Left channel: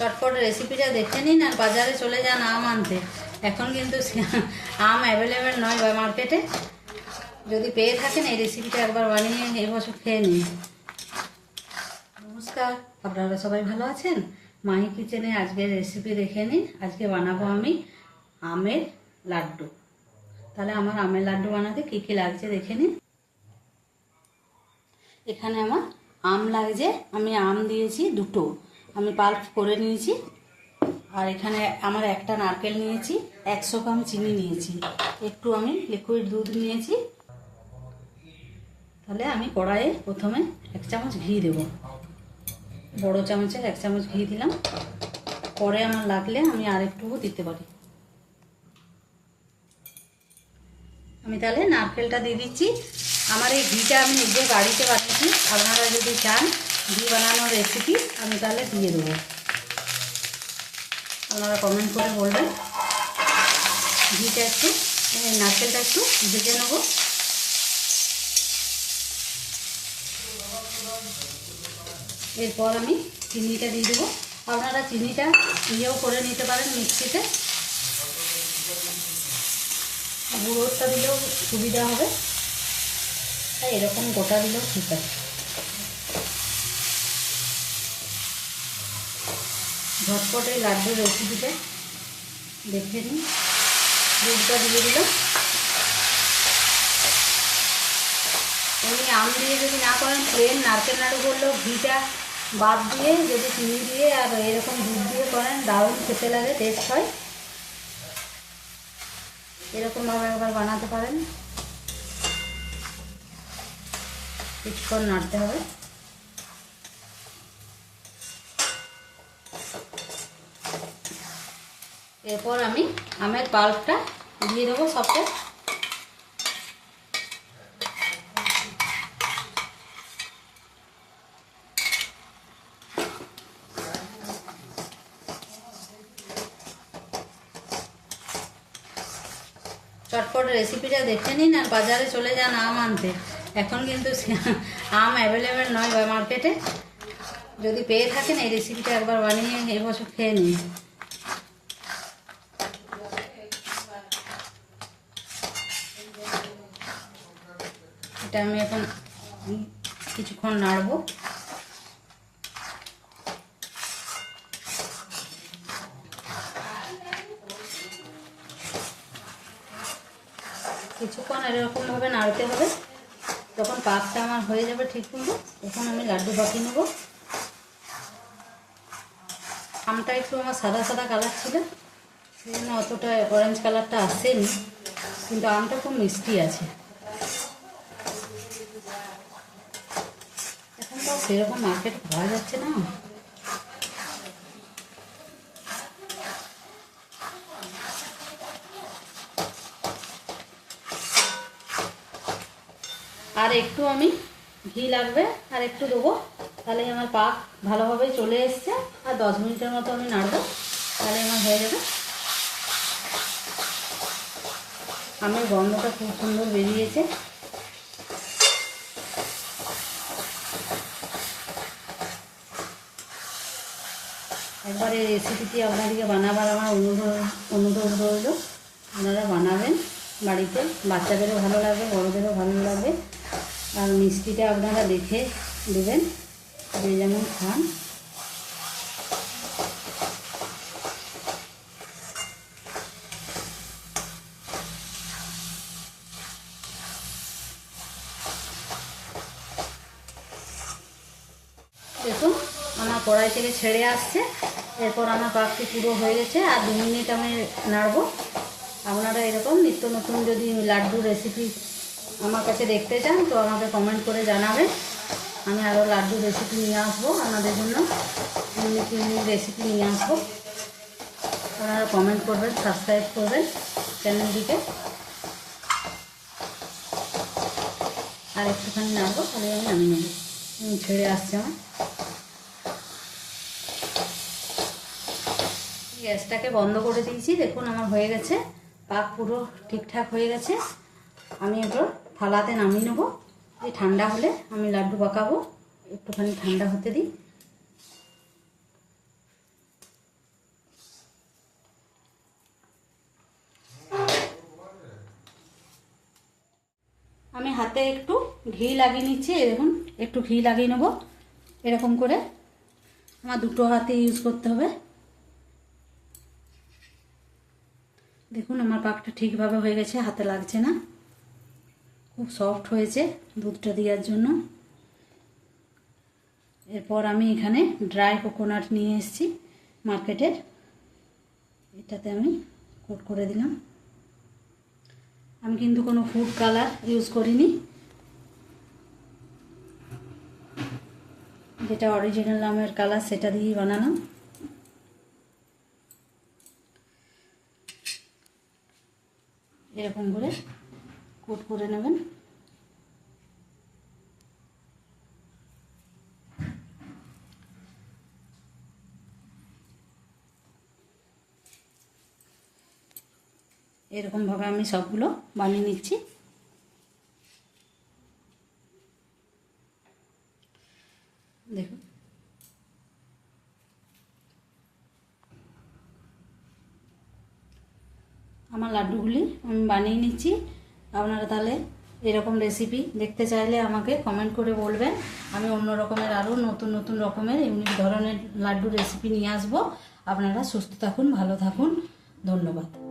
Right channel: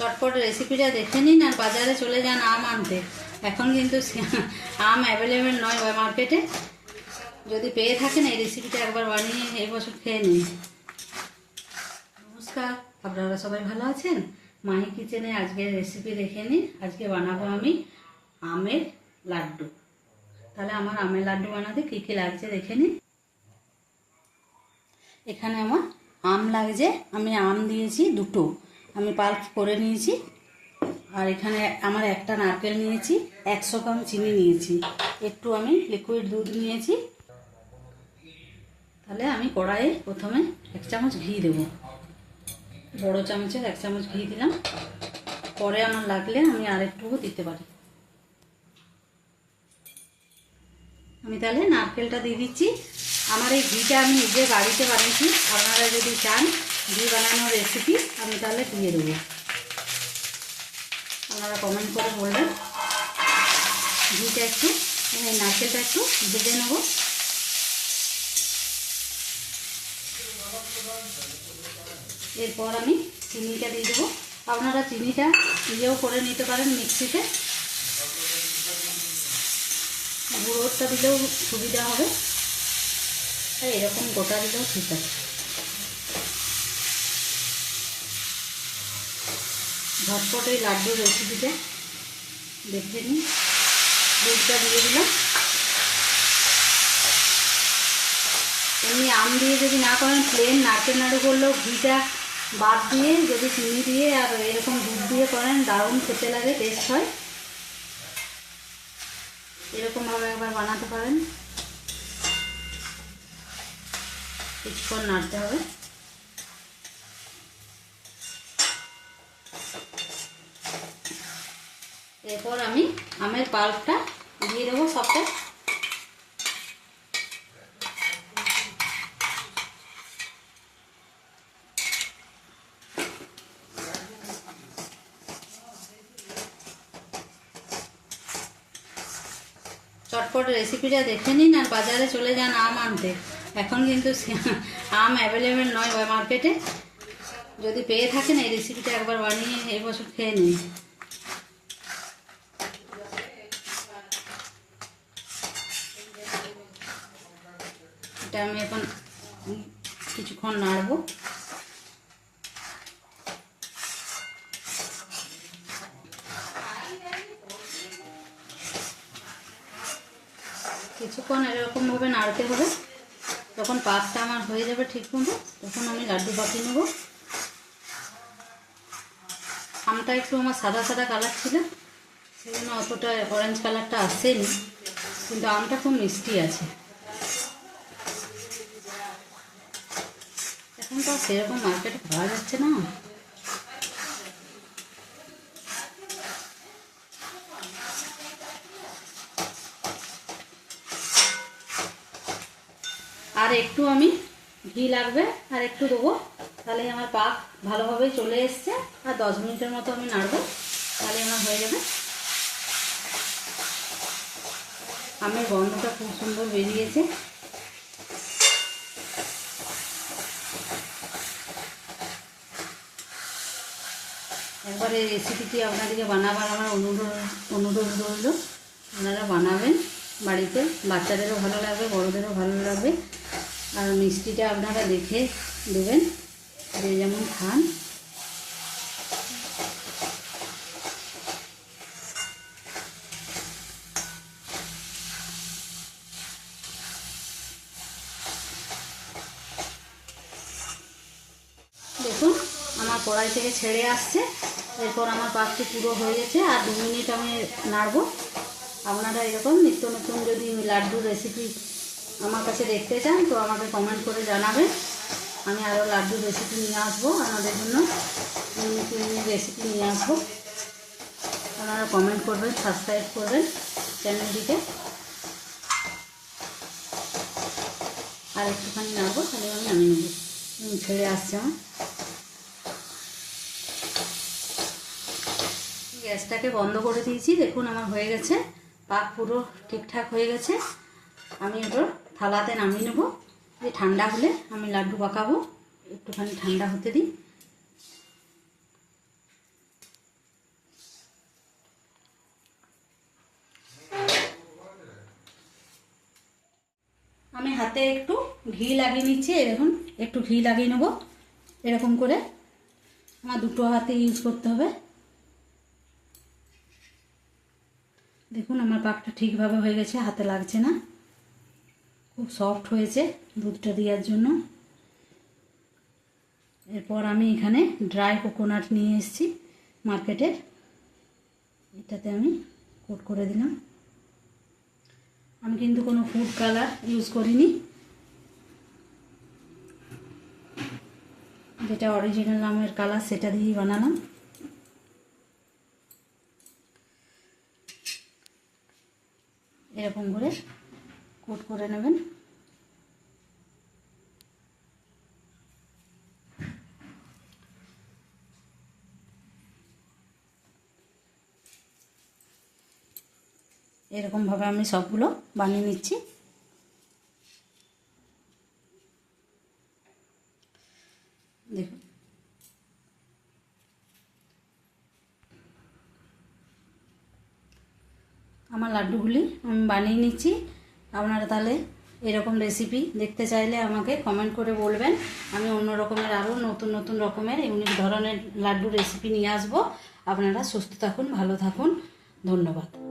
চটপট রেসিপিটা দেখে নিন আর বাজারে চলে যান আম আনতে। এখন কিন্তু আম অ্যাভেলেবেল নয় মার্কেটে। যদি পেয়ে থাকেন এই রেসিপিটা একবার বানিয়ে এই বছর খেয়ে নিন। নমস্কার, আপনারা সবাই ভালো আছেন? মাহি কিচেনে আজকের রেসিপি দেখে নিন। আজকে বানাবো আমি আমের লাড্ডু। তাহলে আমার আমের লাড্ডু বানাতে কী কী লাগছে দেখে নিন। এখানে আমার আম লাগছে, আমি আম দিয়েছি দুটো, আমি পাল্প করে নিয়েছি। আর এখানে আমার একটা নারকেল নিয়েছি, 100 গ্রাম চিনি নিয়েছি, একটু আমি লিকুইড দুধ নিয়েছি। তাহলে আমি কড়াইয়ে প্রথমে 1 চামচ ঘি দেব, বড় চামচের 1 চামচ ঘি দিলাম। পরে আমার লাগলে আমি আরেকটুকু দিতে পারি। আমি তাহলে নারকেলটা দিয়ে দিচ্ছি। আমার এই ঘিটা আমি নিজে বাড়িতে বানিয়েছি, আপনারা যদি চান ঘি বানানোর রেসিপি আমি তাহলে দিয়ে দেবো। আপনারা কমেন্ট করে বলবেন। ঘিটা একটু নারকেলটা একটু ভেজে নেব। এরপর আমি চিনিটা দিয়ে দেবো। আপনারা চিনিটা ইয়েও করে নিতে পারেন মিক্সিতে, গুঁড়োটা দিলেও সুবিধা হবে, তাই এরকম গোটা দিলেও ঠিক আছে। ঝটপট এই লাড্ডুর রেসিপিটা দেখে নিন। দুধটা দিয়ে দিলাম। এমনি আম দিয়ে যদি না করেন, প্লেন নারকেল করলেও ঘিটা বাদ দিয়ে যদি চিনি দিয়ে আর এরকম দুধ দিয়ে করেন দারুণ খেতে লাগে, টেস্ট হয়। এরকমভাবে একবার বানাতে পারেন। কিছুক্ষণ নাড়তে হবে। এরপর আমি আমের পাল্পটা দিয়ে দেবো সবটা। চটপট রেসিপিটা দেখে নিন আর বাজারে চলে যান আম আনতে। এখন কিন্তু আম অ্যাভেলেবেল নয় মার্কেটে। যদি পেয়ে থাকেন এই রেসিপিটা একবার বানিয়ে এই বছর খেয়ে নিন। এটা আমি এখন কিছুক্ষণ নাড়বো। কিছুক্ষণ এরকমভাবে নাড়তে হবে। যখন পাকটা আমার হয়ে যাবে ঠিক মতো, তখন আমি লাড্ডু বানিয়ে নেবো। আমটা একটু আমার সাদা সাদা কালার ছিল, সেজন্য অতটা অরেঞ্জ কালারটা আসেনি, কিন্তু আমটা খুব মিষ্টি আছে। এখন তো সেরকম মার্কেটে পাওয়া যাচ্ছে না। আর একটু আমি ঘি লাগবে, আর একটু দেবো, তাহলে আমার পাক ভালোভাবে চলে এসছে। আর 10 মিনিটের মতো আমি নাড়বো, তাহলে আমার হয়ে যাবে। আমার গন্ধটা খুব সুন্দর বেরিয়েছে। একবার এই রেসিপিটি আপনাদেরকে বানাবার আমার অনুরোধ রইল। আপনারা বানাবেন বাড়িতে, বাচ্চাদেরও ভালো লাগবে, বড়োদেরও ভালো লাগবে। আর মিষ্টিটা আপনারা দেখে দেবেন, যে যেমন খান। দেখুন আমার কড়াই থেকে ছেড়ে আসছে। এরপর আমার পাকটি পুরো হয়ে গেছে। আর 2 মিনিট আমি নাড়বো। আপনারা এরকম নিত্য নতুন যদি লাড্ডু রেসিপি আমার কাছে দেখতে চান তো আমাকে কমেন্ট করে জানাবেন। আমি আরও লাড্ডু রেসিপি নিয়ে আসবো আপনাদের জন্য, রেসিপি নিয়ে আসবো। আপনারা কমেন্ট করবেন, সাবস্ক্রাইব করবেন চ্যানেলটিকে। আর একটুখানি নাড়বো, তাহলে আমি নামিয়ে নেব। ছেড়ে আসছে আমার। গ্যাসটাকে বন্ধ করে দিয়েছি। দেখুন আমার হয়ে গেছে, পাক পুরো ঠিকঠাক হয়ে গেছে। আমি এগুলো থালাতে নামিয়ে নেব। এই ঠান্ডা হলে আমি লাড্ডু পাকাবো, একটুখানি ঠান্ডা হতে দিই। হাতে একটু ঘি লাগিয়ে নিচ্ছি। দেখুন একটু ঘি লাগিয়ে নেব, এরকম করে আমার দুটো হাতে ইউজ করতে হবে। দেখুন আমার পাকটা ঠিকভাবে হয়ে গেছে, হাতে লাগছে না, খুব সফট হয়েছে দুধটা দেওয়ার জন্য। এরপর আমি এখানে ড্রাই কোকোনাট নিয়ে এসেছি মার্কেটের, এটাতে আমি কোট করে দিলাম। আমি কিন্তু কোনো ফুড কালার ইউজ করিনি, যেটা অরিজিনাল আমের কালার সেটা দিয়েই বানালাম। এরকম করে কোট করে নেবেন। এরকমভাবে আমি সবগুলো বানিয়ে নিচ্ছি। দেখুন আমার লাড্ডুগুলি আমি বানিয়ে নিচ্ছি। আপনারা তাহলে এরকম রেসিপি দেখতে চাইলে আমাকে কমেন্ট করে বলবেন, আমি অন্য রকমের আরও নতুন নতুন রকমের ইউনিক ধরনের লাড্ডু রেসিপি নিয়ে আসবো। আপনারা সুস্থ থাকুন, ভালো থাকুন, ধন্যবাদ।